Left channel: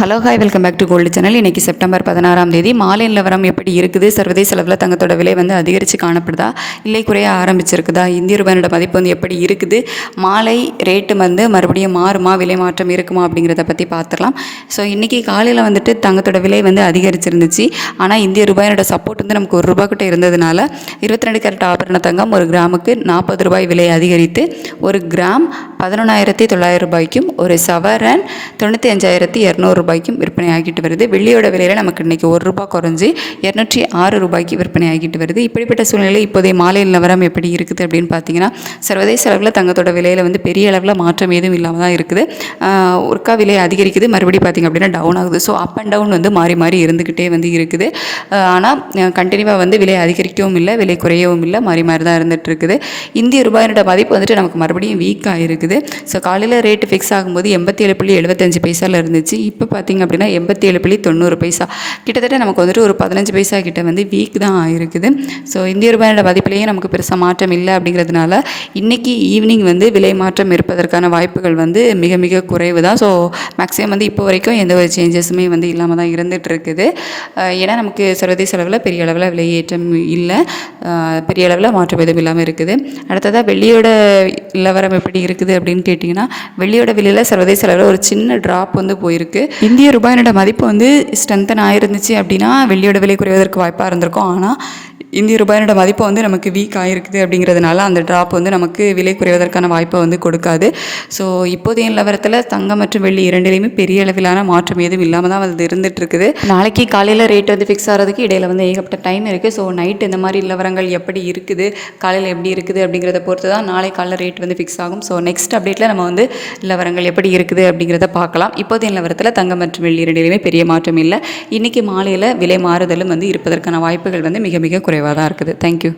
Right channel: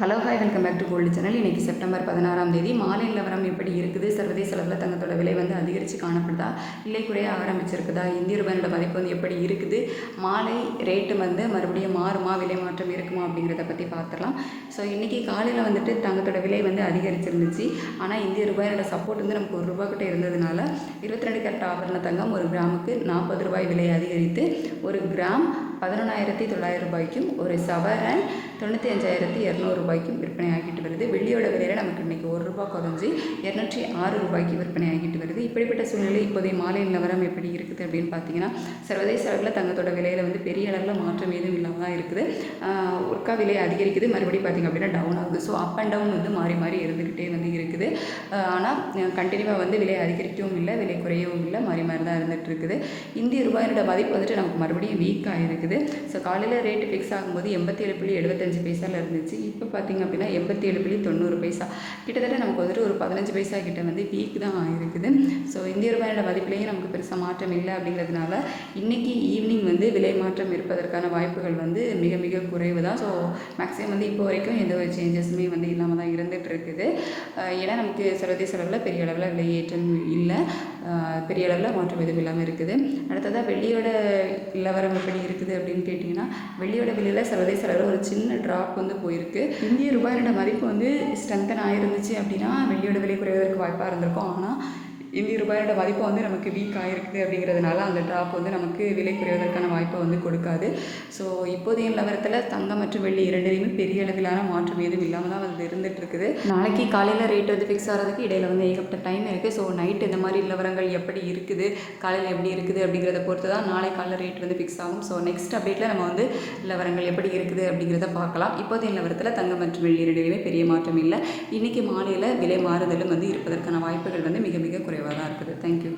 Hello hi welcome back to gold channel. இன்றைக்கி September 16ஆம் தேதி மாலை நிலவரம் எப்படி இருக்குது? சர்வதேச அளவில் தங்கத்தோட விலை வந்து அதிகரித்து காணப்படுதா, இல்லை குறைய ஆரம்பிச்சிருக்குதா? இந்திய ரூபாயோட மதிப்பு வந்து எப்படி இருக்குது? மாலை ரேட்டு வந்து மறுபடியும் மாறுமா, விலை மாற்றம் இருக்குமா அப்படிங்கிறத பற்றி பார்த்துடலாம். ஸோ இன்றைக்கி காலையில் வந்துட்டு தங்கத்தோட விலை வந்து அதிகரிச்சிருந்துச்சு. ஆனால் இந்திய ரூபாயோட சப்போர்ட் வந்து நமக்கு ₹1 கிட்ட இருந்ததுனால 22 கேரட் ஆபரண தங்கம் ஒரு கிராமுக்கு ₹40 விலை அதிகரித்து ஒரு கிராம் ₹11,900 ஒரு சவரன் ₹95,200 விற்பனை ஆகிட்டு வருது. வெள்ளியோட விலையில் நமக்கு இன்றைக்கி ₹1 குறைஞ்சி ₹206 விற்பனை ஆகிட்டு வருது. இப்படிப்பட்ட சூழ்நிலை இப்போதைய மாலை நிலவரம் எப்படி இருக்குது அப்படின்னு பார்த்தீங்கன்னா, சர்வதேச அளவில் தங்கத்தோட விலையில் வந்து பெரிய அளவில் மாற்றம் எதுவும் இல்லாமல் தான் இருக்குது. ஒருக்கா விலை அதிகரிக்குது, மறுபடியும் பார்த்திங்க அப்படின்னா டவுன் ஆகுது. ஸோ அப் அண்ட் டவுன் வந்து மாறி மாறி இருந்துக்கிட்டே வந்து இருக்குது. ஆனால் கண்டினியூவாக வந்து விலை அதிகரிக்கவும் இல்லை, விலை குறையவும் இல்லை, மாறி மாறி தான் இருந்துகிட்டு இருக்குது. இந்திய ரூபாயோட மதிப்பு வந்துட்டு நமக்கு மறுபடியும் வீக்காக இருக்குது. ஸோ காலையில் ரேட்டு ஃபிக்ஸ் ஆகும்போது 87.75 இருந்துச்சு. இப்போ பார்த்திங்க அப்படின்னா 87.90 கிட்டத்தட்ட நமக்கு வந்துட்டு ஒரு 15 பைசா கிட்ட வந்து வீக் தான் ஆகிருக்குது. ஸோ இந்திய ரூபாயோட மதிப்பிலேயே நமக்கு பெருசாக மாற்றம் இல்லை அப்படிங்கிறதுனால இன்றைக்கி ஈவினிங் வந்து விலை மாற்றம் இருப்பதற்கான வாய்ப்புகள் வந்து மிக மிக குறைவு தான். ஸோ மேக்ஸிமம் வந்து இப்போ வரைக்கும் எந்த ஒரு சேஞ்சஸுமே வந்து இல்லாமல் தான் இருந்துகிட்டு இருக்குது. ஏன்னா நமக்கு சர்வதேச அளவில் பெரிய அளவில் விலையேற்றம் இல்லை, பெரிய அளவில் மாற்றம் எதுவும் இல்லாமல் இருக்குது. அடுத்ததாக வெள்ளியோட நிலவரம் எப்படி இருக்குது அப்படின்னு கேட்டிங்கன்னா, வெள்ளியோட விலையில் சர்வதேச அளவில் ஒரு சின்ன ட்ராப் வந்து போயிருக்கு. இந்திய ரூபாயோட மதிப்பு வந்து ஸ்ட்ரென்தன் ஆயிருந்துச்சு அப்படின்னா வெள்ளியோட விலை குறைவதற்கு வாய்ப்பாக இருந்திருக்கும். ஆனால் இந்திய ரூபாயோட மதிப்பு வந்து நமக்கு வீக் ஆகிருக்குது அப்படிங்கிறதுனால அந்த ட்ராப் வந்து நமக்கு விலை குறைவதற்கான வாய்ப்பை வந்து கொடுக்காது. ஸோ இப்போதைய நிலவரத்தில் தங்கம் மற்றும் வெள்ளி இரண்டிலையுமே பெரிய அளவிலான மாற்றம் எதுவும் இல்லாமல் தான் வந்து இருந்துகிட்டு இருக்குது. நாளைக்கு காலையில் ரேட் வந்து ஃபிக்ஸ் ஆகிறதுக்கு இடையில வந்து ஏகப்பட்ட டைம் இருக்குது. ஸோ நைட் இந்த மாதிரி நிலவரங்கள் எப்படி இருக்குது, காலையில் எப்படி இருக்குது அப்படிங்கிறத பொறுத்து தான் நாளை காலையில் ரேட் வந்து ஃபிக்ஸ் ஆகும். ஸோ நெக்ஸ்ட் அப்டேட்டில் நம்ம வந்து நிலவரங்கள் எப்படி இருக்குது அப்படிங்கிறத பார்க்கலாம். இப்போதைய நிலவரத்தில் தங்கம் மற்றும் வெள்ளி இரண்டிலையுமே பெரிய மாற்றம் இல்லை. இன்றைக்கி மாலையில் விலை மாறுதலும் வந்து இருப்பதற்கான வாய்ப்புகள் வந்து மிக மிக குறைவாக தான் இருக்குது. தேங்க்யூ.